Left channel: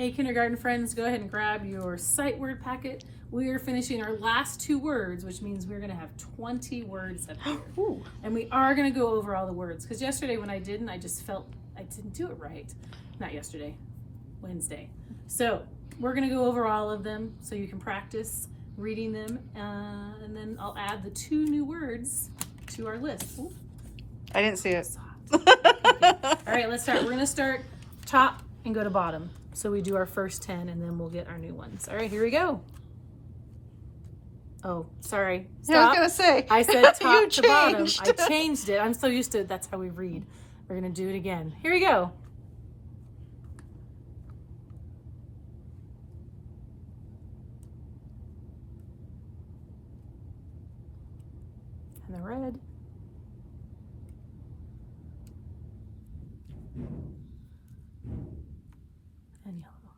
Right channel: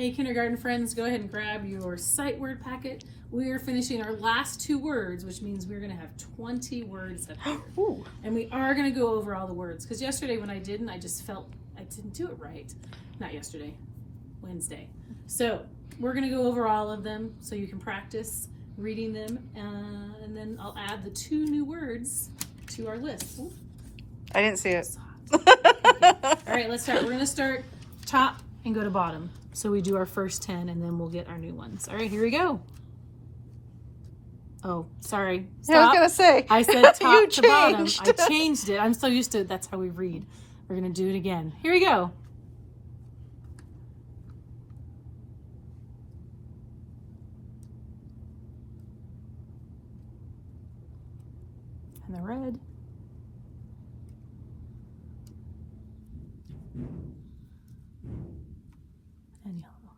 Hey, kindergarten friends, go ahead and grab your sight word packet. We are finishing our last 2 words, which means we're going to have 20 words up here. Ooh. And we are going to go over all the words, because yesterday when I didn't, I just felt I didn't do it right. Not yesterday, Wednesday. So we're going to go over all of them so you can practice reading them, and then I'll add the 2 new words to our list. Ooh, I didn't see it. okay. All right, let's start. We're going to start top and go to bottom. So we do our first 10 and then we'll get our new ones. All right, here we go. Oh, sorry. Stop. Yeah, I was going to say. I said top You to bottom. changed. I changed it. I'm so used to it. That's how we read. We're going to do it again. Here we go. And the red. And yellow.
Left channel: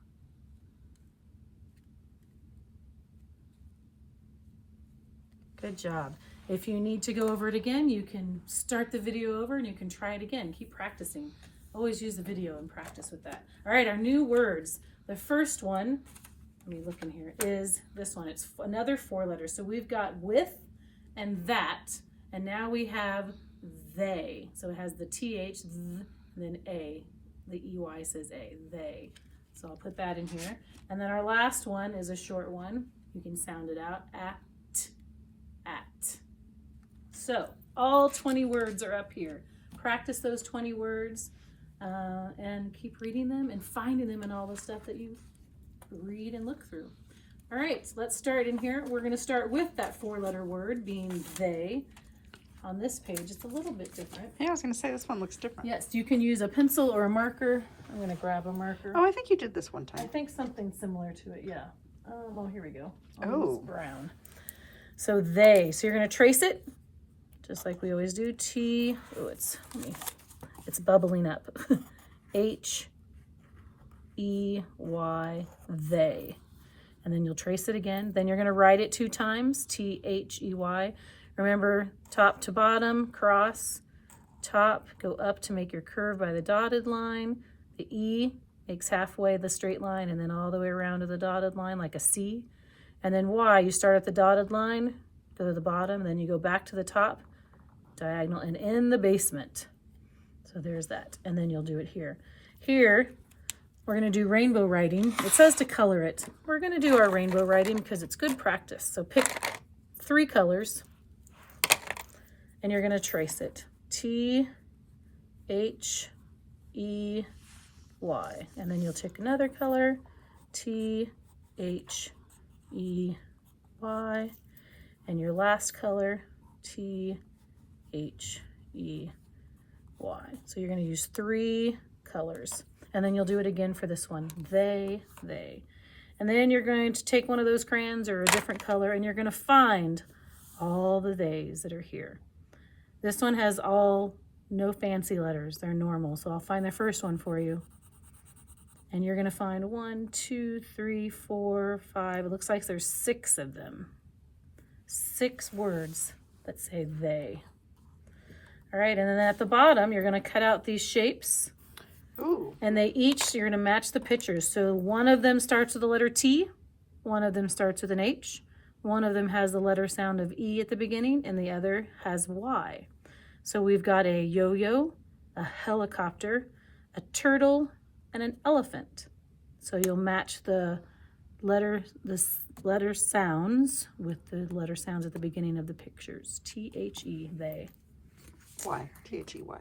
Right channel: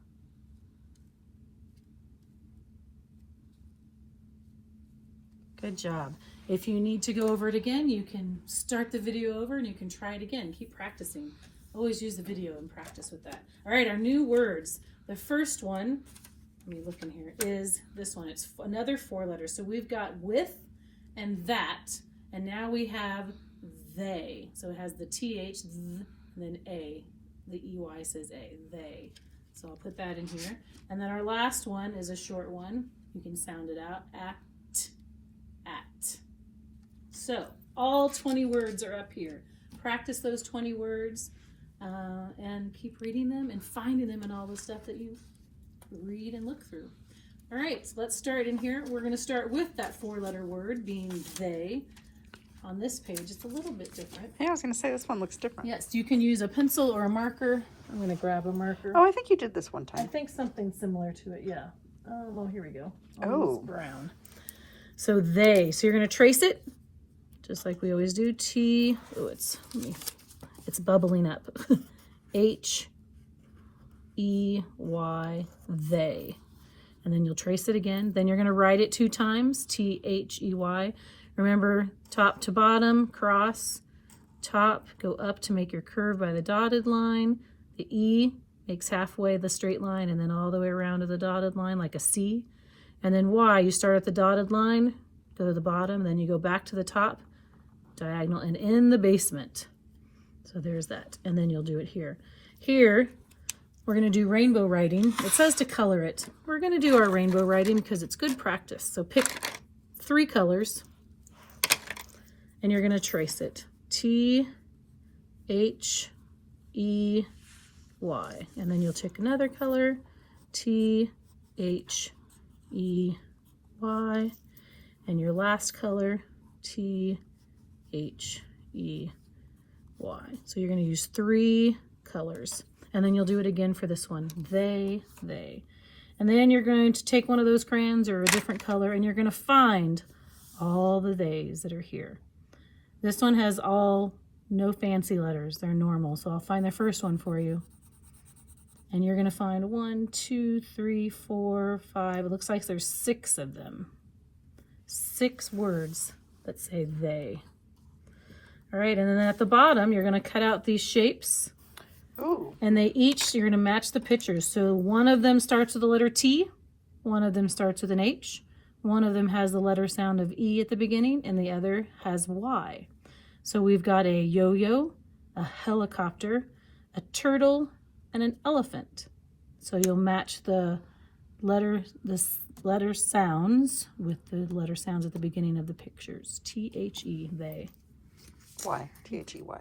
Good job. If you need to go over it again, you can start the video over and you can try it again. Keep practicing. Always use the video and practice with that. All right, our new words. The first one, let me look in here, is this one. It's another 4 letters. So we've got with and that, and now we have they. So it has the TH, th, and then A. The EY says A, they. So I'll put that in here. And then our last one is a short one. You can sound it out, at. So all 20 words are up here. Practice those 20 words and keep reading them and finding them in all the stuff that you read and look through. All right, so let's start in here. We're going to start with that 4-letter word being they. On this page, it's a little bit different. Yeah, I was going to say this one looks different. Yes, you can use a pencil or a marker. I'm going to grab a marker. Oh, I think you did this one I time. think something similar to it, yeah. Well, here we go. Oh. It's brown. So they. So you're going to trace it, just like we always do. T. Oh, it's bubbling up. H. E. Y. They. And then you'll trace it again. Then you're going to write it 2 times. T. H. E. Y. Remember, top to bottom, cross. Top, go up to make your curve by the dotted line. The E makes halfway the straight line and then all the way around to the dotted line like a C. And then Y, you start at the dotted line, go to the bottom, then you go back to the top, diagonal, and in the basement. So there's that. And then you'll do it here. Here, we're going to do rainbow writing. It says to color it. We're going to do our rainbow writing because it's good practice. So pick 3 colors, and you're going to trace it. T, H, E, Y. And then you'll take another color, T, H, E, Y. And your last color, T, H, E, Y. So you're going to use 3 colors. And then you'll do it again for this one. They. And then you're going to take one of those crayons or a different color, and you're going to find all the theys that are here. This one has no fancy letters. They're normal. So I'll find the first one for you. And you're going to find 1, 2, 3, 4, 5. It looks like there's 6 of them. 6 words that say they. All right, and then at the bottom, you're going to cut out these shapes. Ooh. And you're going to match the pictures. So one of them starts with the letter T. One of them starts with an H. One of them has the letter sound of E at the beginning, and the other has Y. So we've got a yo-yo, a helicopter, a turtle, and an elephant. So you'll match the letter sounds with the letter sounds at the beginning of the pictures. T-H-E, they. Y. T-H-E-Y.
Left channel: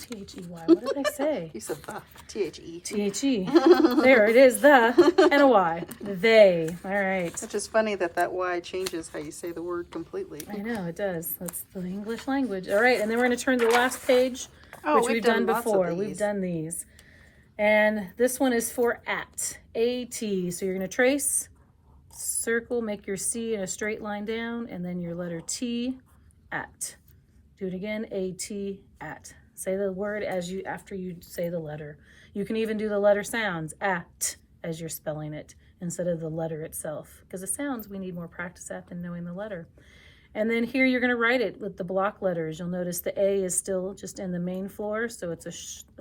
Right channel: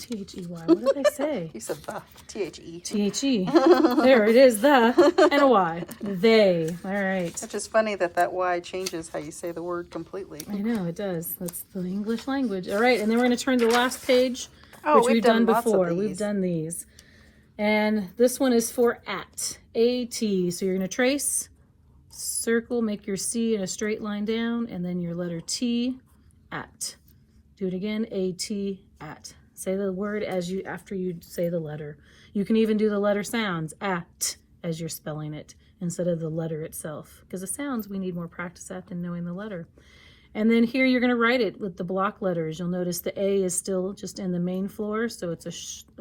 T-H-E-Y. What did I say? You said the. T-H-E. T-H-E. There it is, the, and a Y. They. All right. It's just funny that Y changes how you say the word completely. I know, it does. That's the English language. All right, and then we're going to turn to the last page, Oh, which we've done lots of before. these. We've done these. And this one is for at. A-T. So you're going to trace, circle, make your C in a straight line down, and then your letter T, at. Do it again, A-T, at. Say the word after you say the letter. You can even do the letter sounds, at, as you're spelling it, instead of the letter itself. Because the sounds we need more practice at than knowing the letter. And then here you're going to write it with the block letters. You'll notice the A is still just in the main floor, so it's a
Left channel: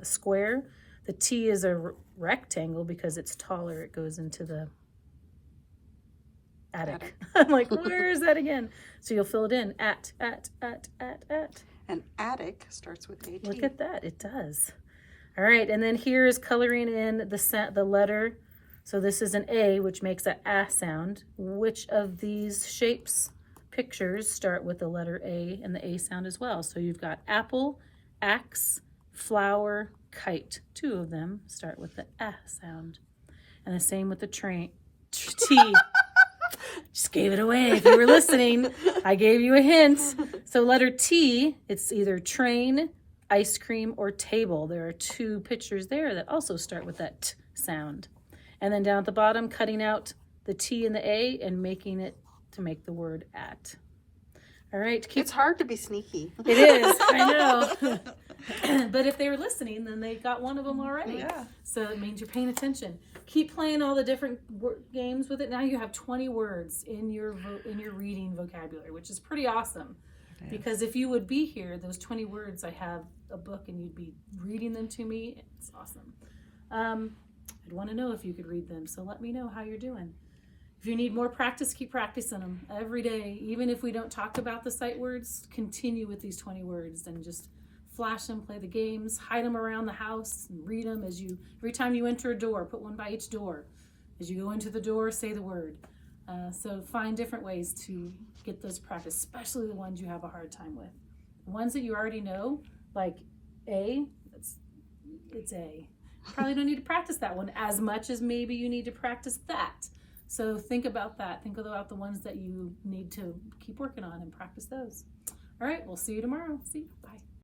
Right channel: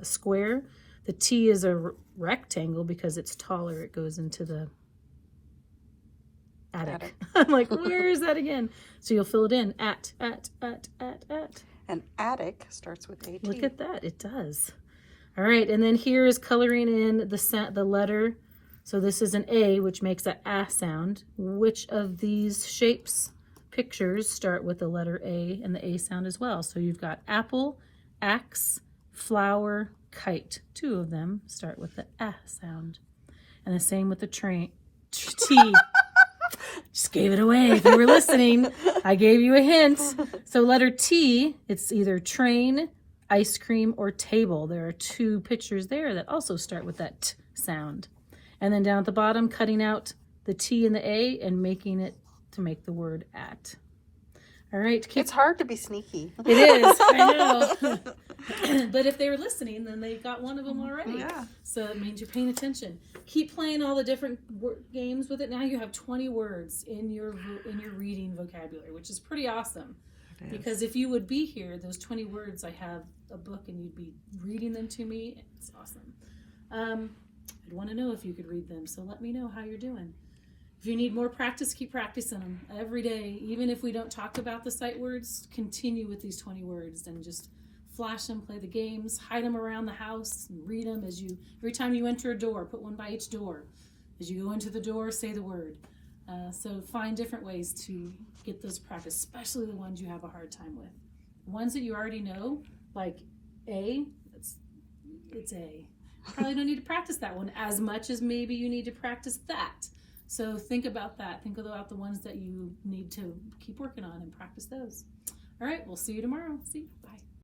square. The T is a rectangle because it's taller. It goes into the attic. I'm like, where is that again? So you'll fill it in. At. And attic starts with AT. Look at that. It does. All right. And then here is coloring in the letter. So this is an A, which makes a sound. Which of these shapes, pictures, start with the letter A and the A sound as well? So you've got apple, axe, flower, kite. 2 of them start with the A sound. And the same with the T. Just gave it away. If you were listening, I gave you a hint. So letter T, it's either train, ice cream, or table. There are 2 pictures there that also start with that T sound. And then down at the bottom, cutting out the T and the A and making it to make the word at. All right. It's hard to be sneaky. It is, I know. But if they were listening, then they got one of them already. Yeah. So it means you're paying attention. Keep playing all the different games with it. Now you have 20 words in your reading vocabulary, which is pretty awesome. Because if you would be here, those 20 words, I have a book and you'd be reading them to me. It's awesome. I'd want to know if you could read them. So let me know how you're doing. If you need more practice, keep practicing them every day. Even if we don't talk about the sight words, continue with these 20 words and just flash them, play the games, hide them around the house, and read them every time you enter a door, put one by each door. As you go into the door, say the word. So find different ways to get those practice, especially the ones you have a hard time with. The ones that you already know, like A, it's A. Probably don't need to practice that one as much as maybe you need to practice that. So think about that. Think about the ones that you need to keep working on and practice those. All right, we'll see you tomorrow. Bye.